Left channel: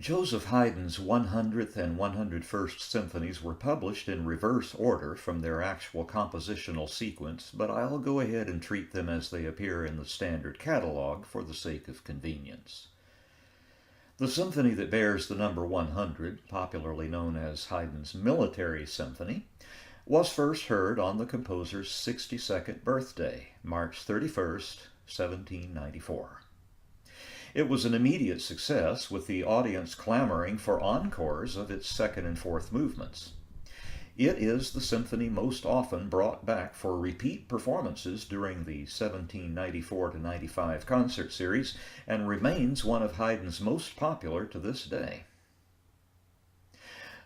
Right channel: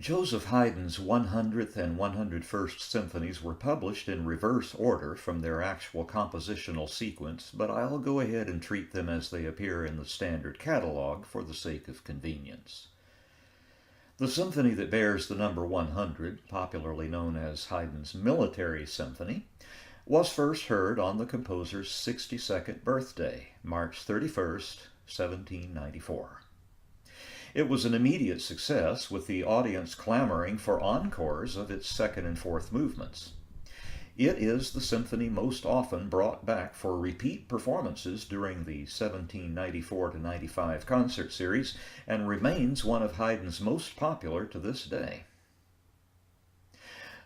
Joseph Haydn's 100th and 101st symphonies were published in reverse order from their actual compositional sequence, but I'll go ahead and treat them as they appear in the standard catalog for the sake of convenience. The symphony that bears the number 100, popularly known as Haydn's Military Symphony, was first heard on the composer's 62nd birthday, March 31st, 1794. It was an immediate success, with the audience clamoring for encores of its second and fourth movements. It is the symphony most often brought back for repeat performances during the 1794-95 concert series and remains one of Haydn's most popular to this day.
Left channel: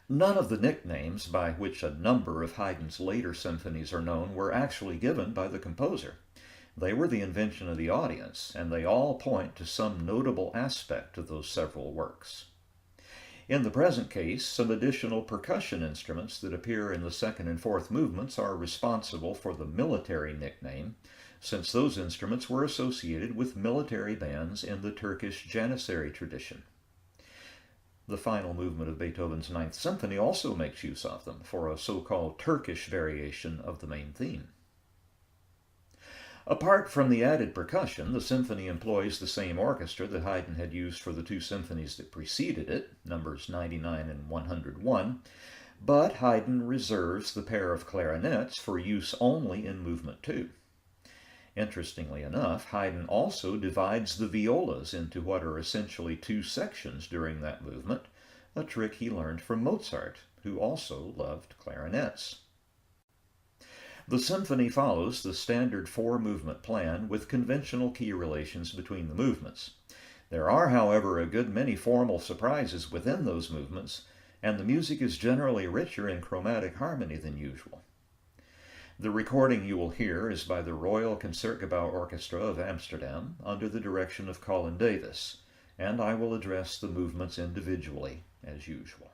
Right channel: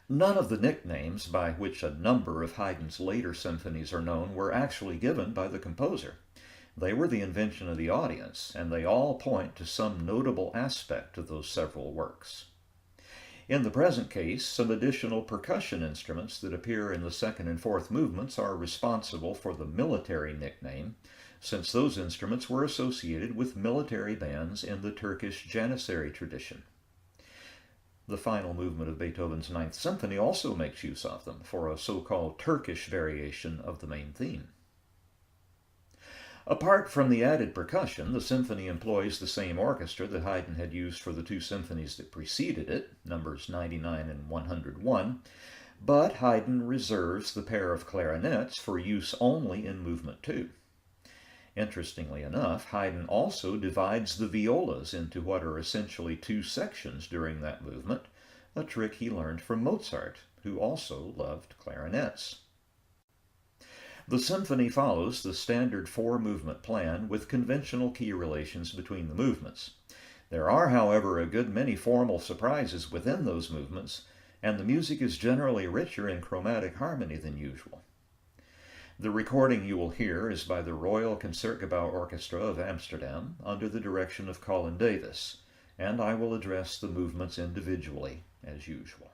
None of the nicknames by which a number of Haydn's later symphonies are known were actually given by the composer. They were the invention of the audience, and they all point to some notable aspect of those several works. In the present case, some additional percussion instruments that appear in the second and fourth movements are responsible for the military nickname, since those instruments were associated with military bands in the Turkish Janissary tradition. The final movement of Beethoven's Ninth Symphony also makes use of them for a so-called Turkish variation of the main theme. Apart from the added percussion, the symphony employs the same orchestra that Haydn had used for the two symphonies that preceded it, numbers 99 and 101, but Haydn reserves the pair of clarinets for use only in movement 2. Interestingly enough, Haydn also divides the violas into what are essentially two sections during that movement, a trick he learned from Mozart, who also loved clarinets. The symphony follows the standard four-movement plan with conventional key relations between the movements. There are, however, a good many formal surprises within those movements, and the music is generally richer in chromatic harmony than usual. The recording you will hear is by the Royal Concertegouw Orchestra of Amsterdam under the direction of Colin Davis, and I will address the movements individually as usual.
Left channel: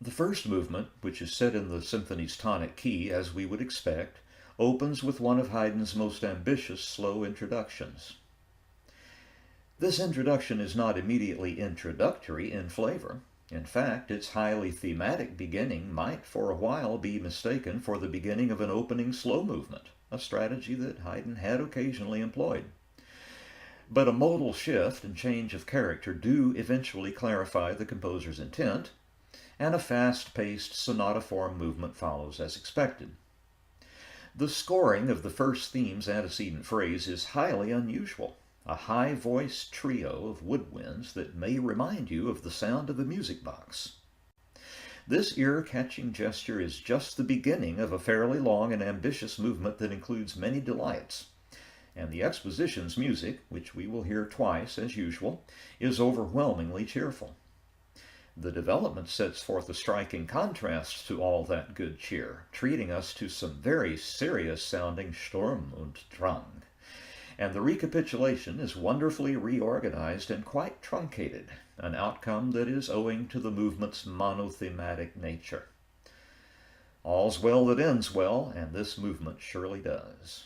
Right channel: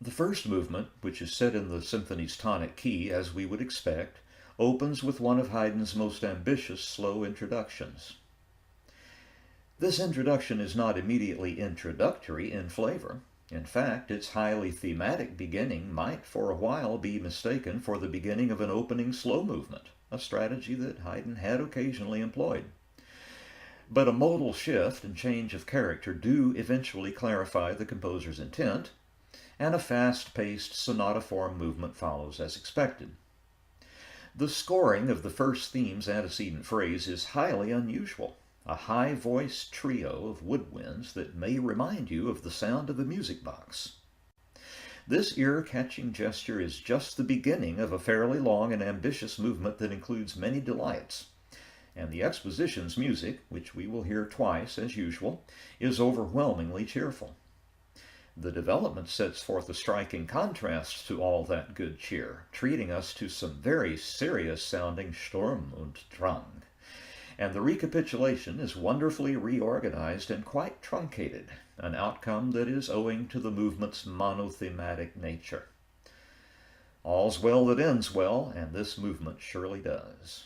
The first movement, which is set in the symphony's tonic key as we would expect, opens with one of Haydn's most ambitious slow introductions. This introduction is not immediately introductory in flavor. In fact, its highly thematic beginning might for a while be mistaken for the beginning of an opening slow movement, a strategy that Haydn had occasionally employed. But a modal shift and change of character do eventually clarify the composer's intent, and a fast-paced sonata-form movement follows as expected. The scoring of the first theme's antecedent phrase is highly unusual, a high-voiced trio of woodwinds that may remind you of the sound of a music box. This ear-catching gesture is just the beginning of a fairly long and ambitious movement that includes many delights, and the exposition's music, which we will hear twice as usual, is overwhelmingly cheerful. The development sets forth a striking contrast to all that good cheer, treating us to some very serious-sounding Sturm und Drang. And the recapitulation is wonderfully reorganized and quite truncated, an outcome that is owing to the movement's monothematic nature. All's well that ends well, and this movement surely does.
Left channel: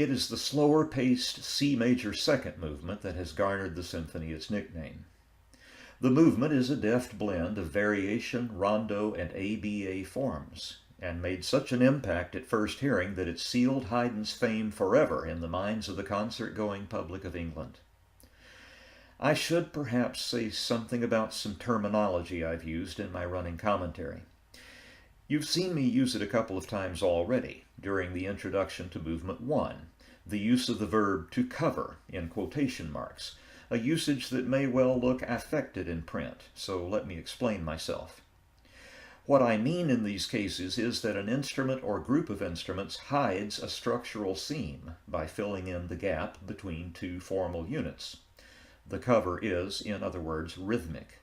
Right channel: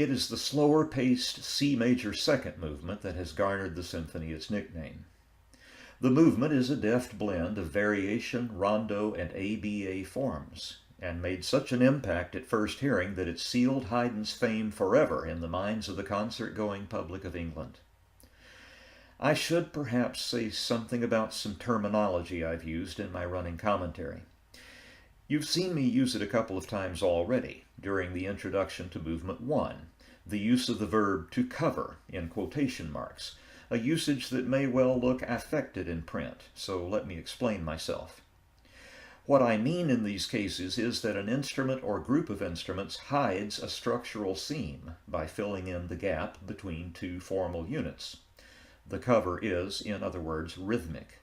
It is the slower-paced C major second movement that has garnered the symphony its nickname. The movement is a deft blend of variation, rondo, and ABA forms, and made such an impact at first hearing that it sealed Haydn's fame forever in the minds of the concert-going public of England. I should perhaps say something about some terminology I've used in my running commentary. You've seen me use it a couple of times already during the introduction to Movement 1, the use of the verb to cover in quotation marks, a usage that may well look affected in print, so let me explain myself. What I mean in these cases is that an instrument or group of instruments hides a structural seam by filling in the gap between two formal units. The cover is, in other words, rhythmic.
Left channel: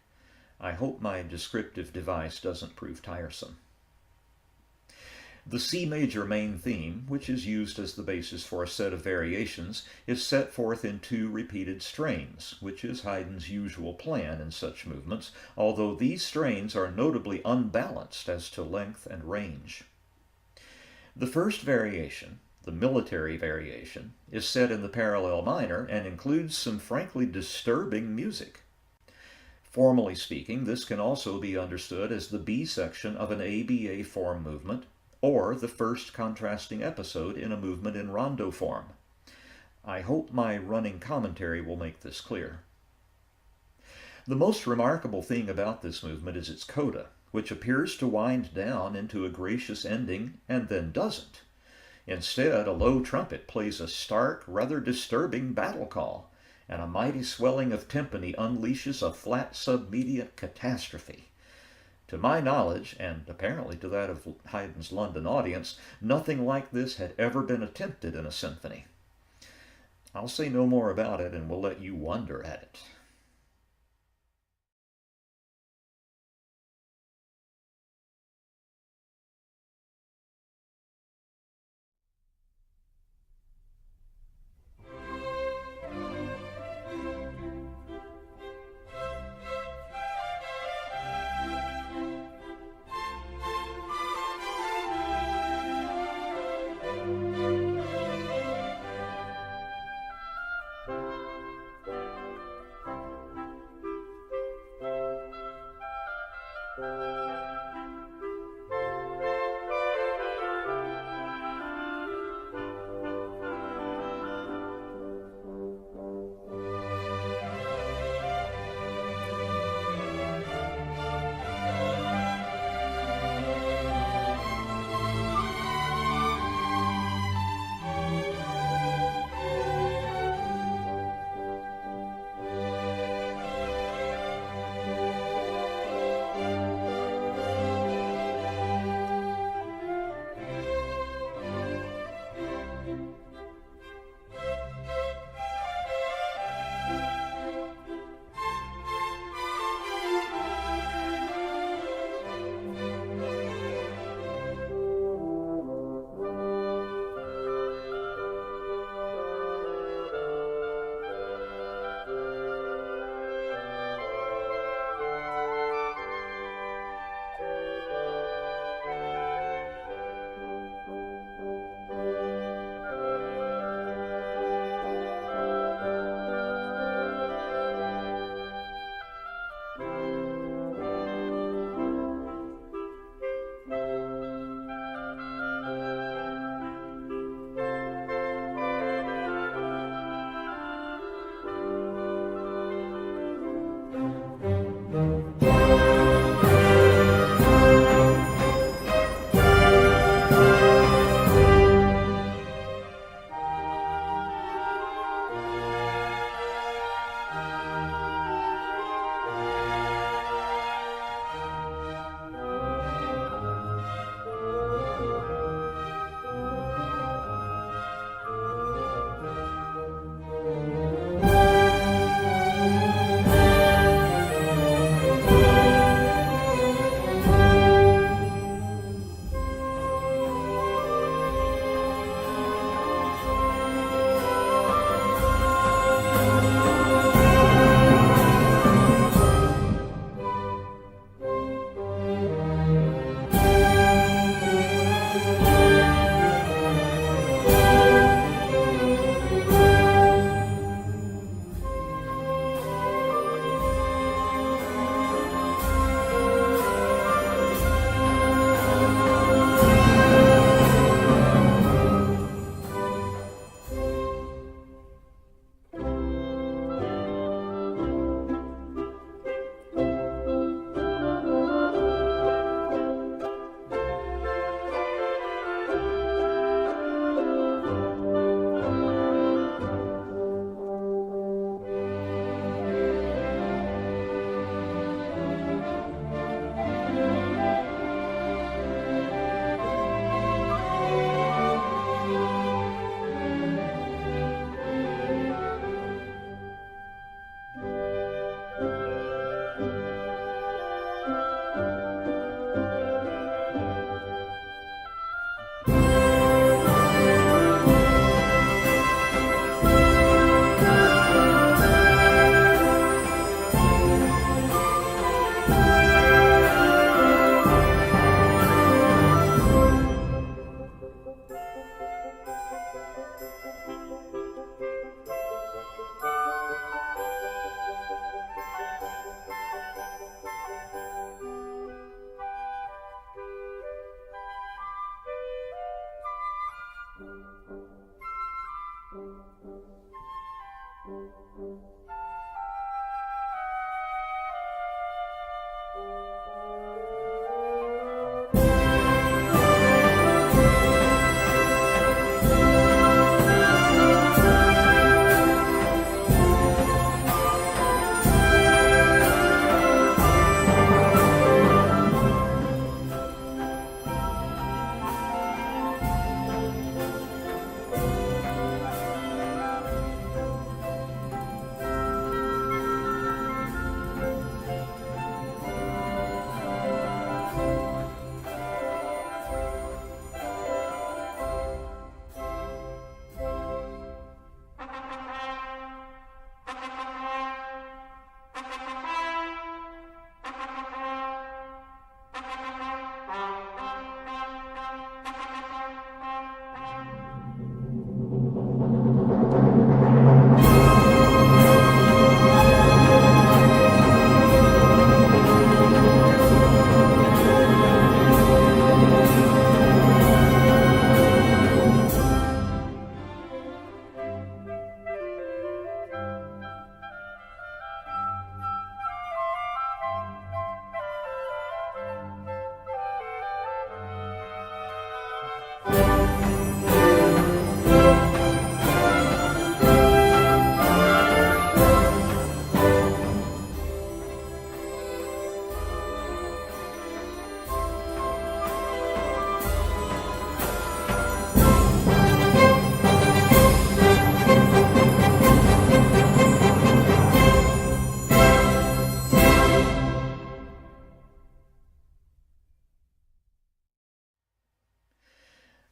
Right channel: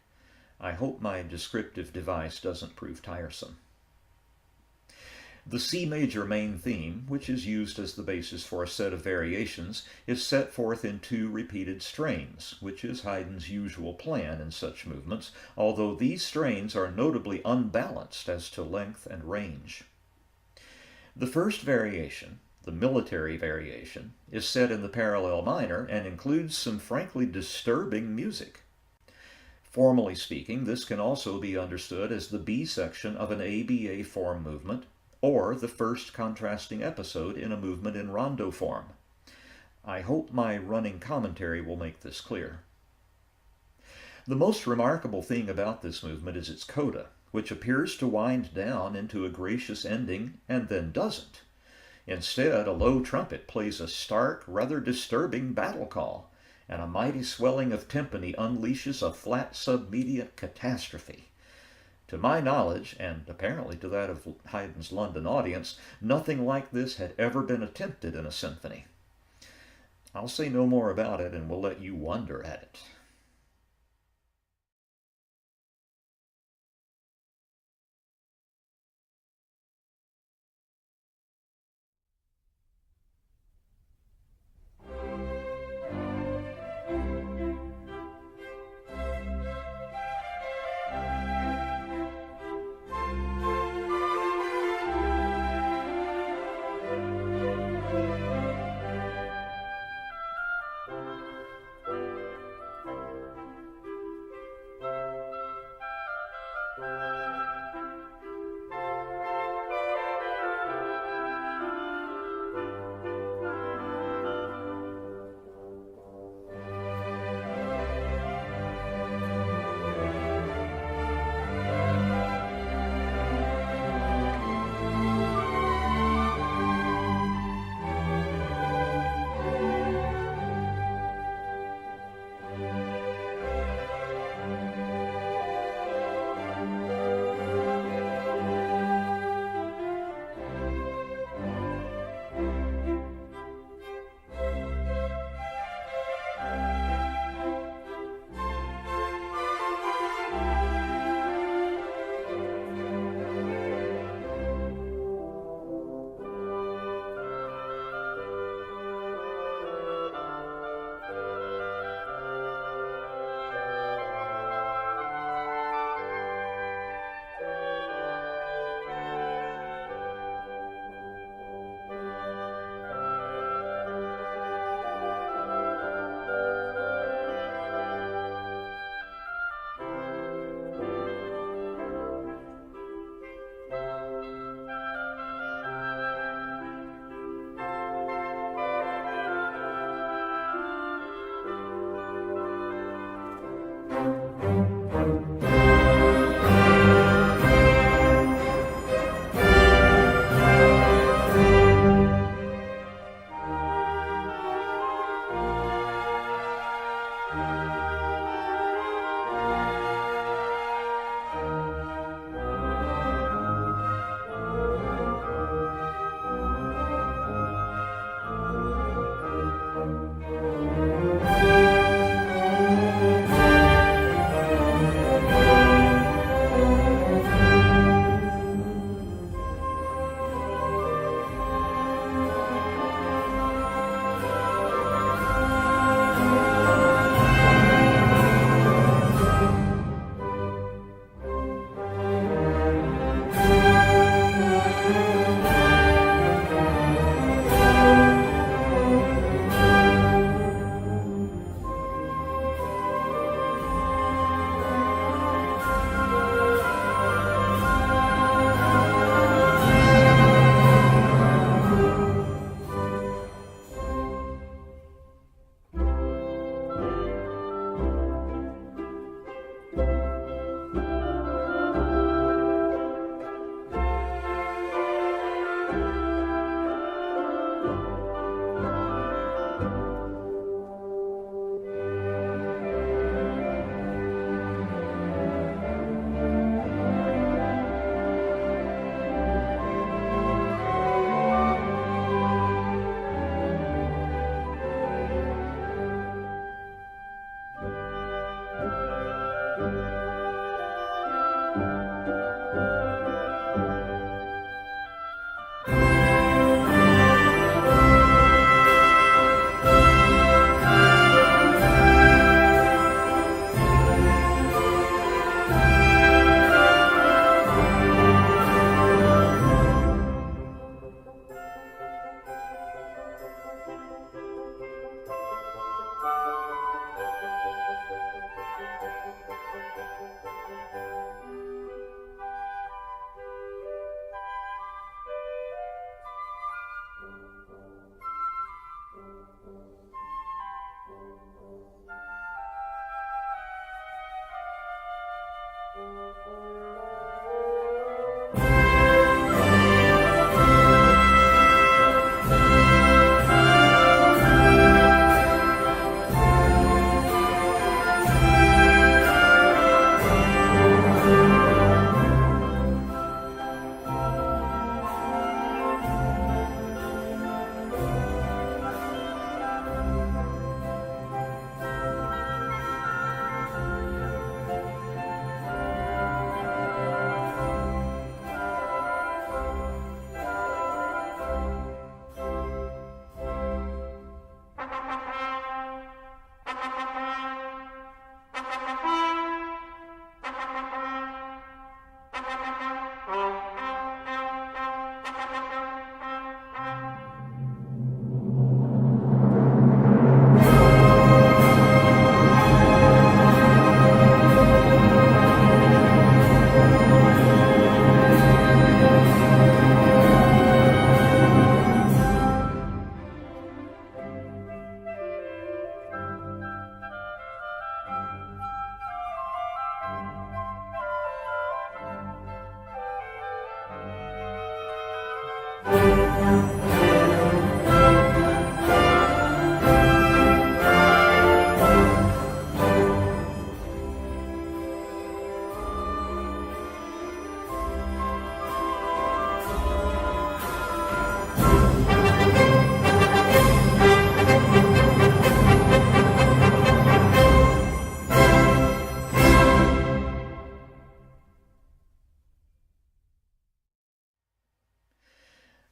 I hope my descriptive device doesn't prove tiresome. The C major main theme, which is used as the basis for a set of variations, is set forth in two repeated strains, which is Haydn's usual plan in such movements, although these strains are notably unbalanced as to length and range. The first variation, the military variation, is set in the parallel minor and includes some frankly disturbing music. Formally speaking, this can also be understood as the B section of an ABA form movement, or the first contrasting episode in a movement in rondo form. I hope my running commentary will make this clear. The most remarkable thing about this movement is its coda, which appears to wind down into a gracious ending and then doesn't. Instead, a low trumpet plays a stark, rather disturbing battle call, and a mighty swelling of timpani unleashes a flat submediate catastrophe. To my knowledge, and apparently to that of Haydn's London audience, nothing like this had ever been attempted in a symphony. I'll say no more about it, and we'll let you wonder at it.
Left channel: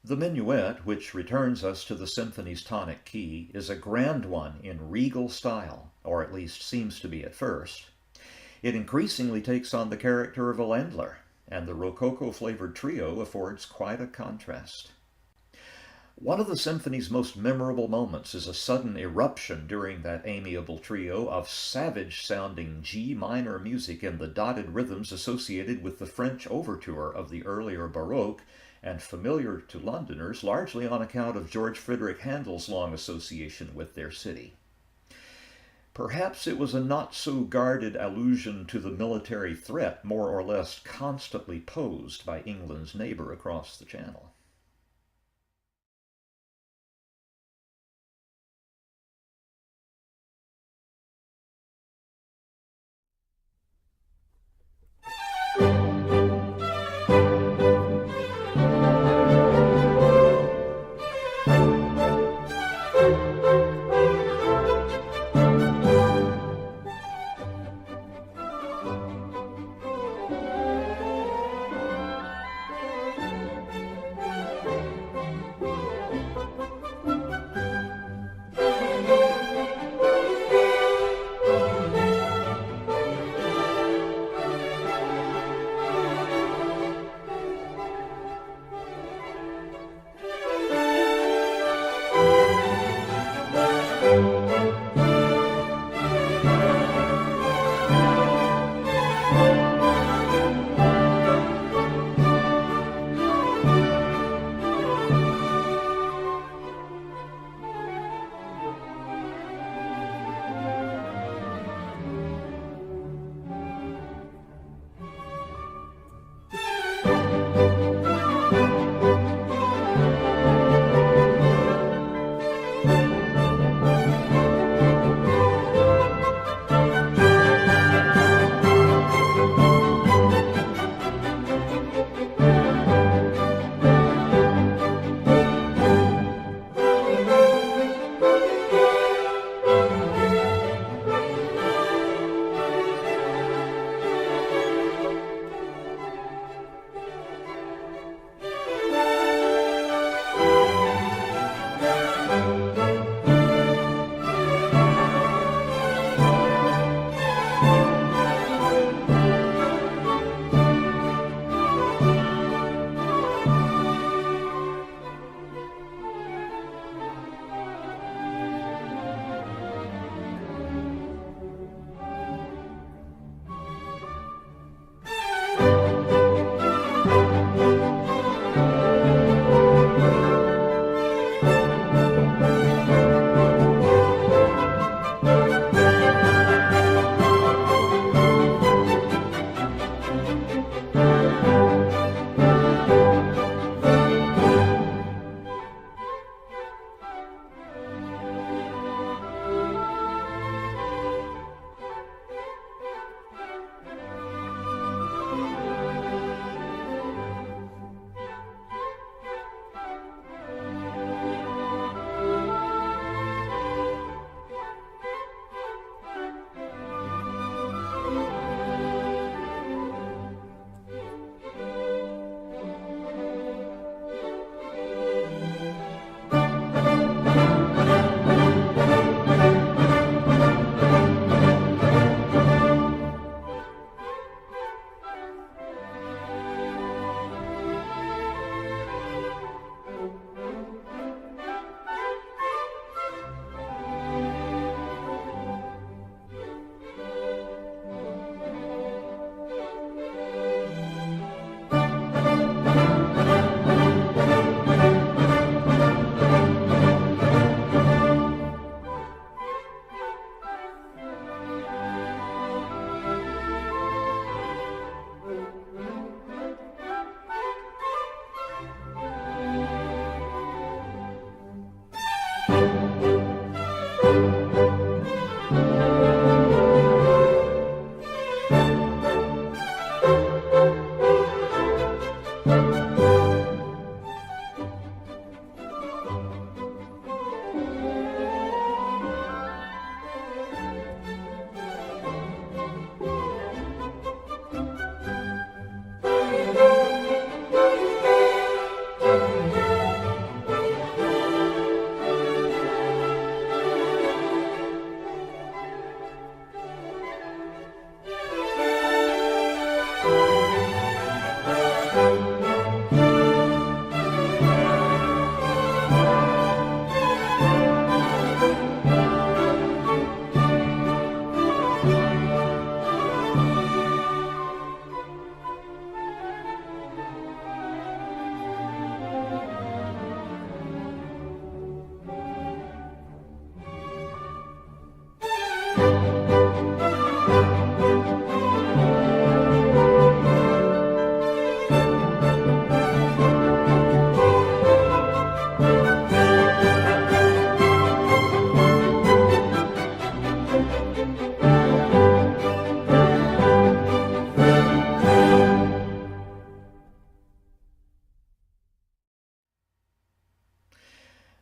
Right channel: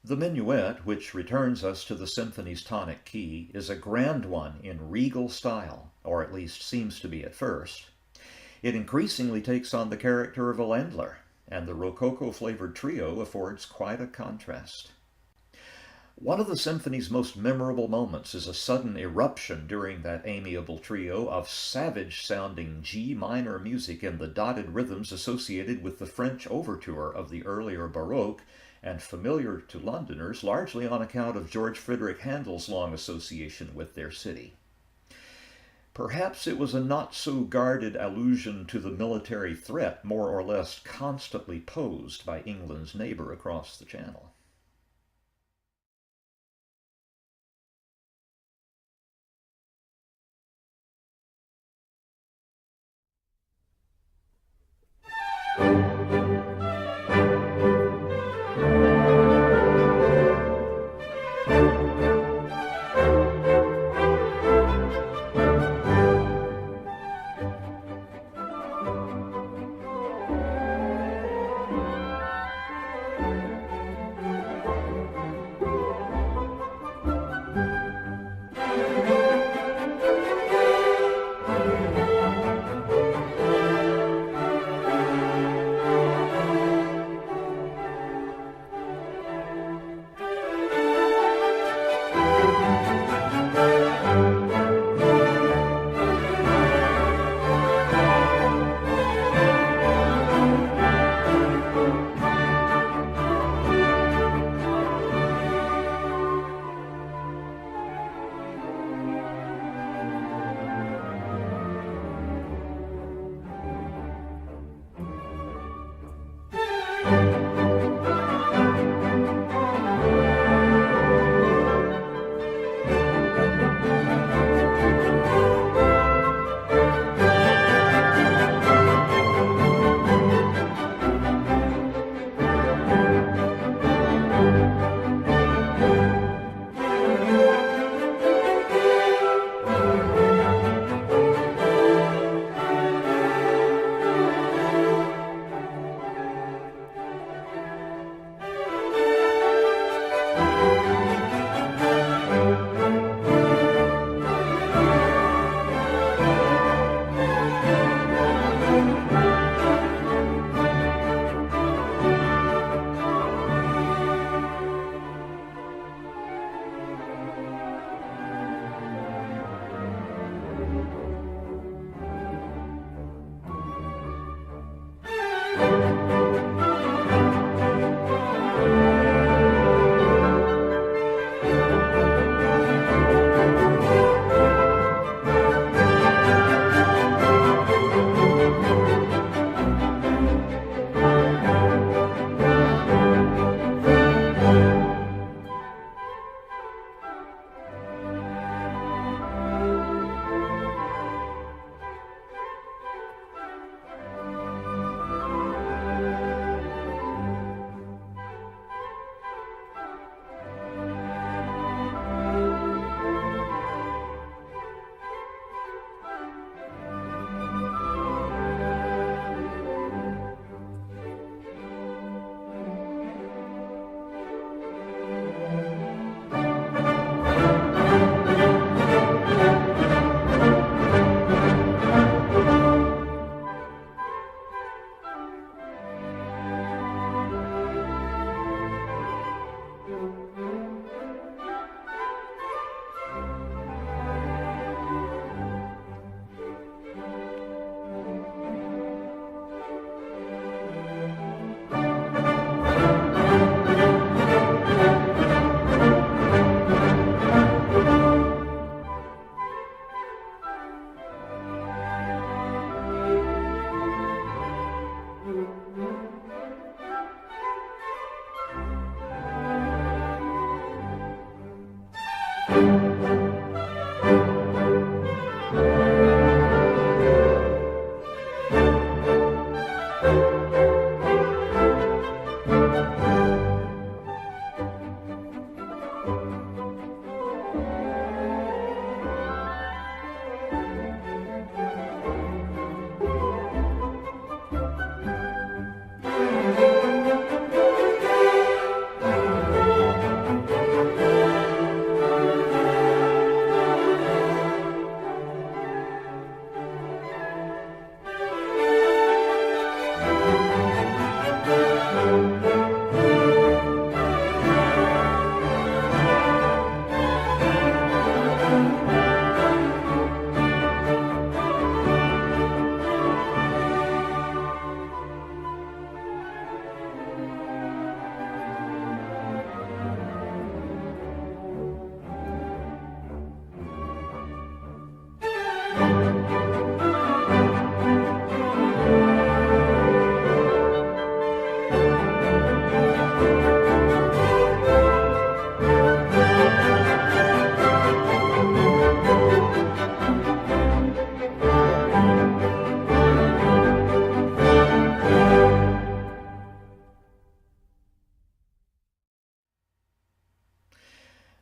The minuet, which returns us to the symphony's tonic key, is a grand one in regal style, or at least seems to be at first. It increasingly takes on the character of a Ländler, and the rococo-flavored trio affords quite a contrast. One of the symphony's most memorable moments is a sudden eruption during that amiable trio of savage-sounding G minor music in the dotted rhythms associated with the French overture of the earlier Baroque, and familiar to Londoners largely on account of George Friedrich Handel's long association with their city. Perhaps it was a not-so-guarded allusion to the military threat more or less constantly posed by England's neighbor across the Channel.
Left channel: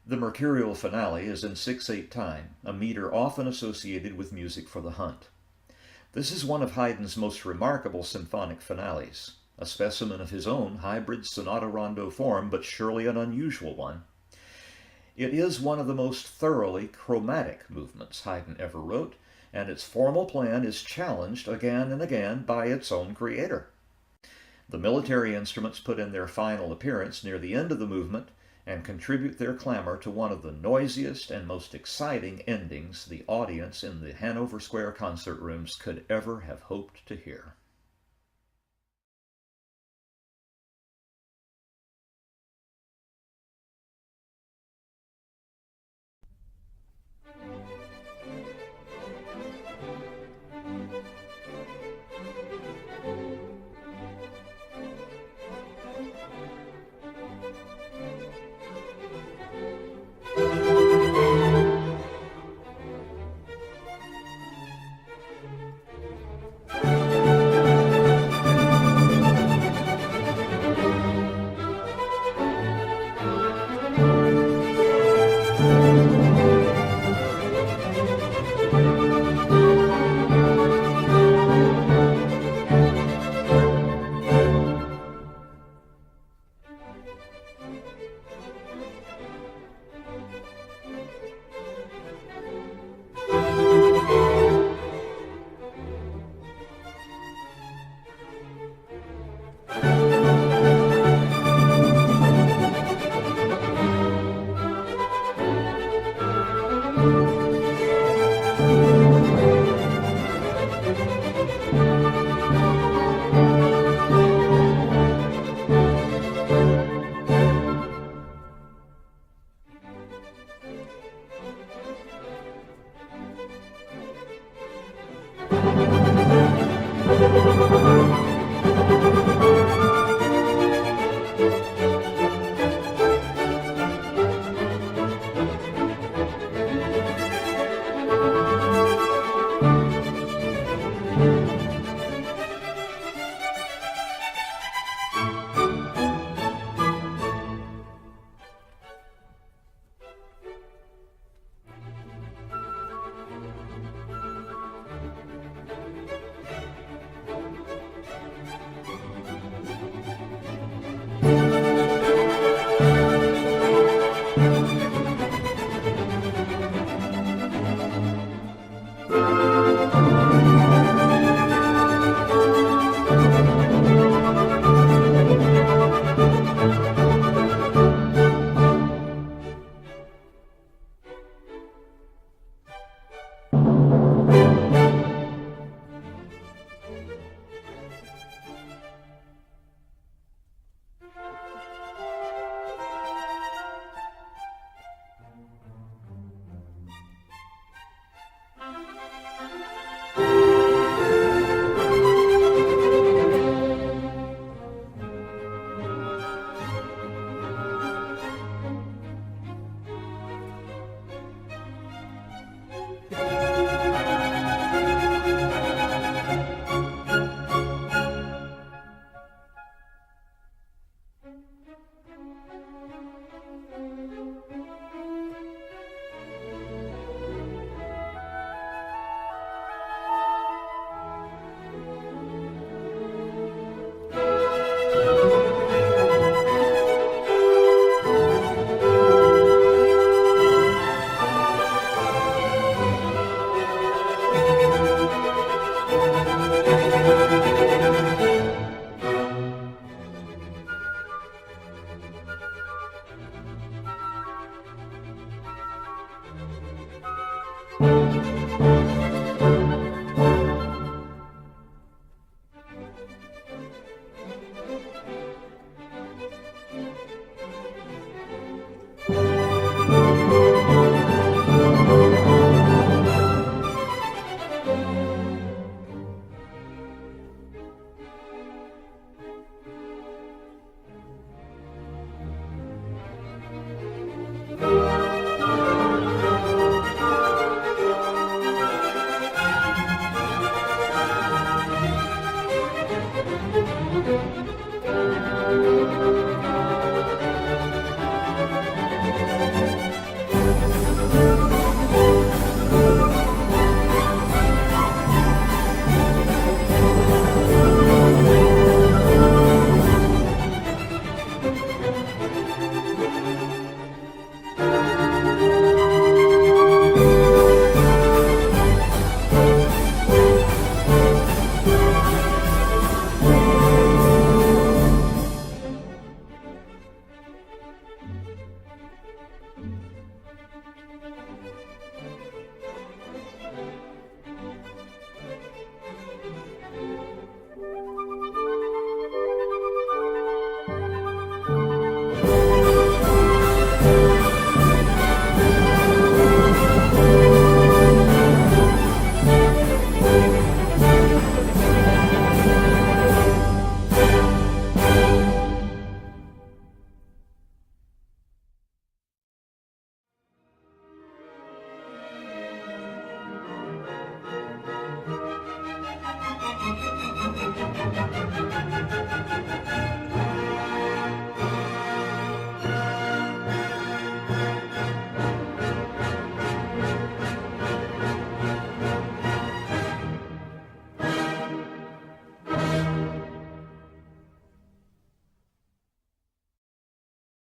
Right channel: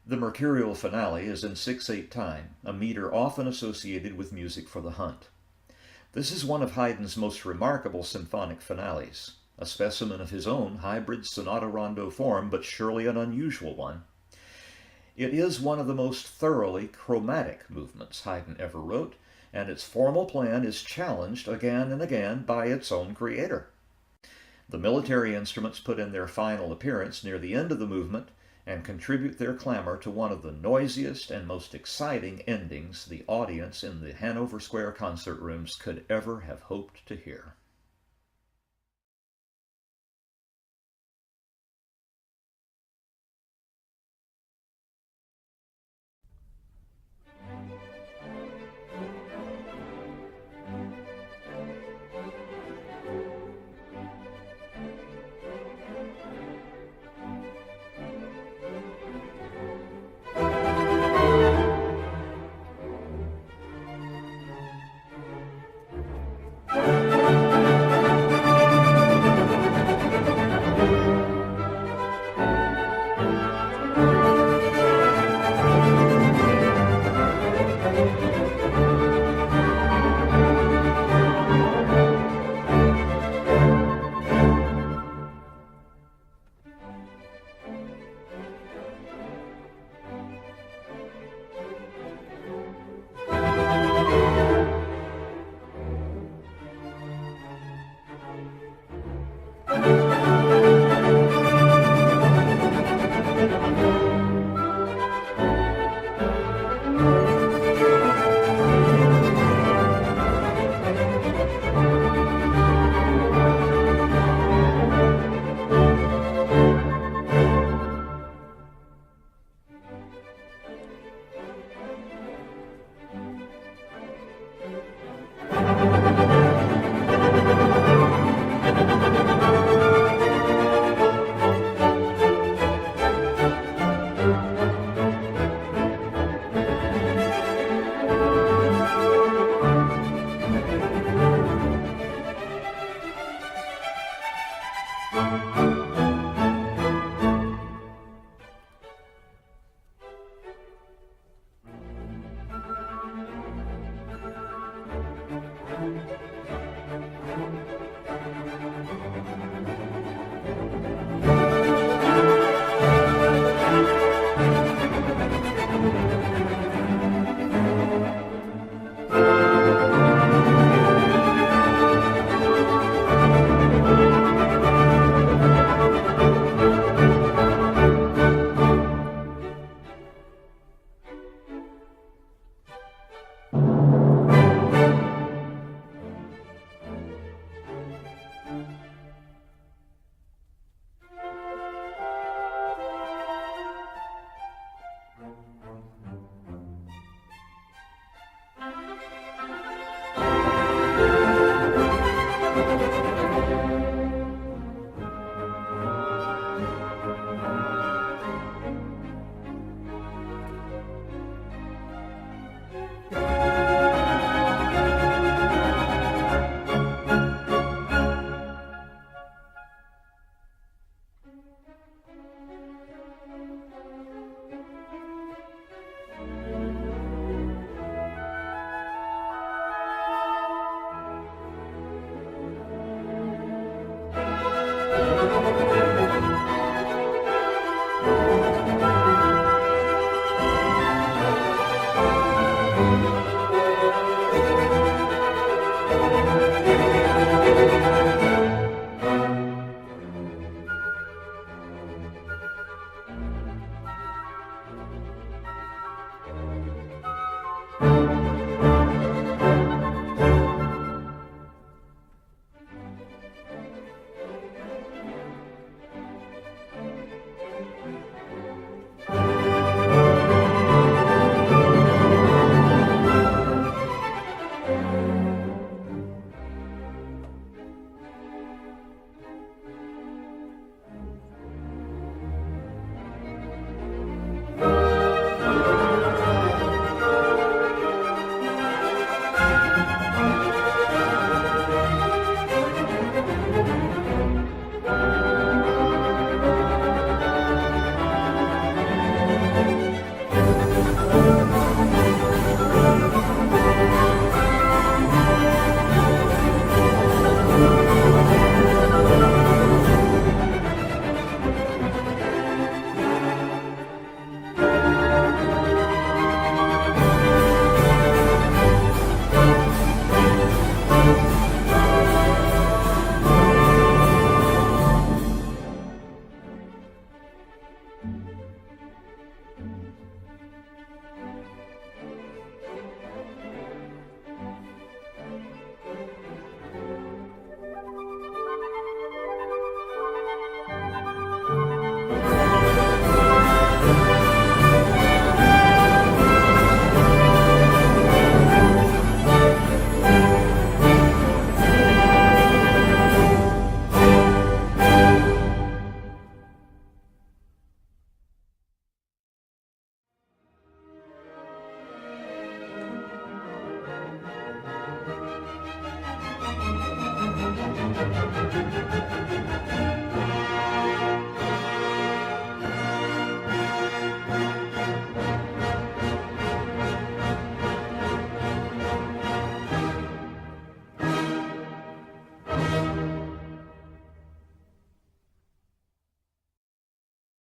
The mercurial finale is in 6/8 time, a meter often associated with music for the hunt. This is one of Haydn's most remarkable symphonic finales, a specimen of his own hybrid sonata-rondo form, but surely an unusual one. It is one of the most thoroughly chromatic movements Haydn ever wrote, and its formal plan is challenged again and again by its own creator. The military instruments put in their final appearance near the end of the movement and contribute their clamor to one of the noisiest and most exciting endings the audience in the Hanover Square concert rooms could ever have hoped to hear.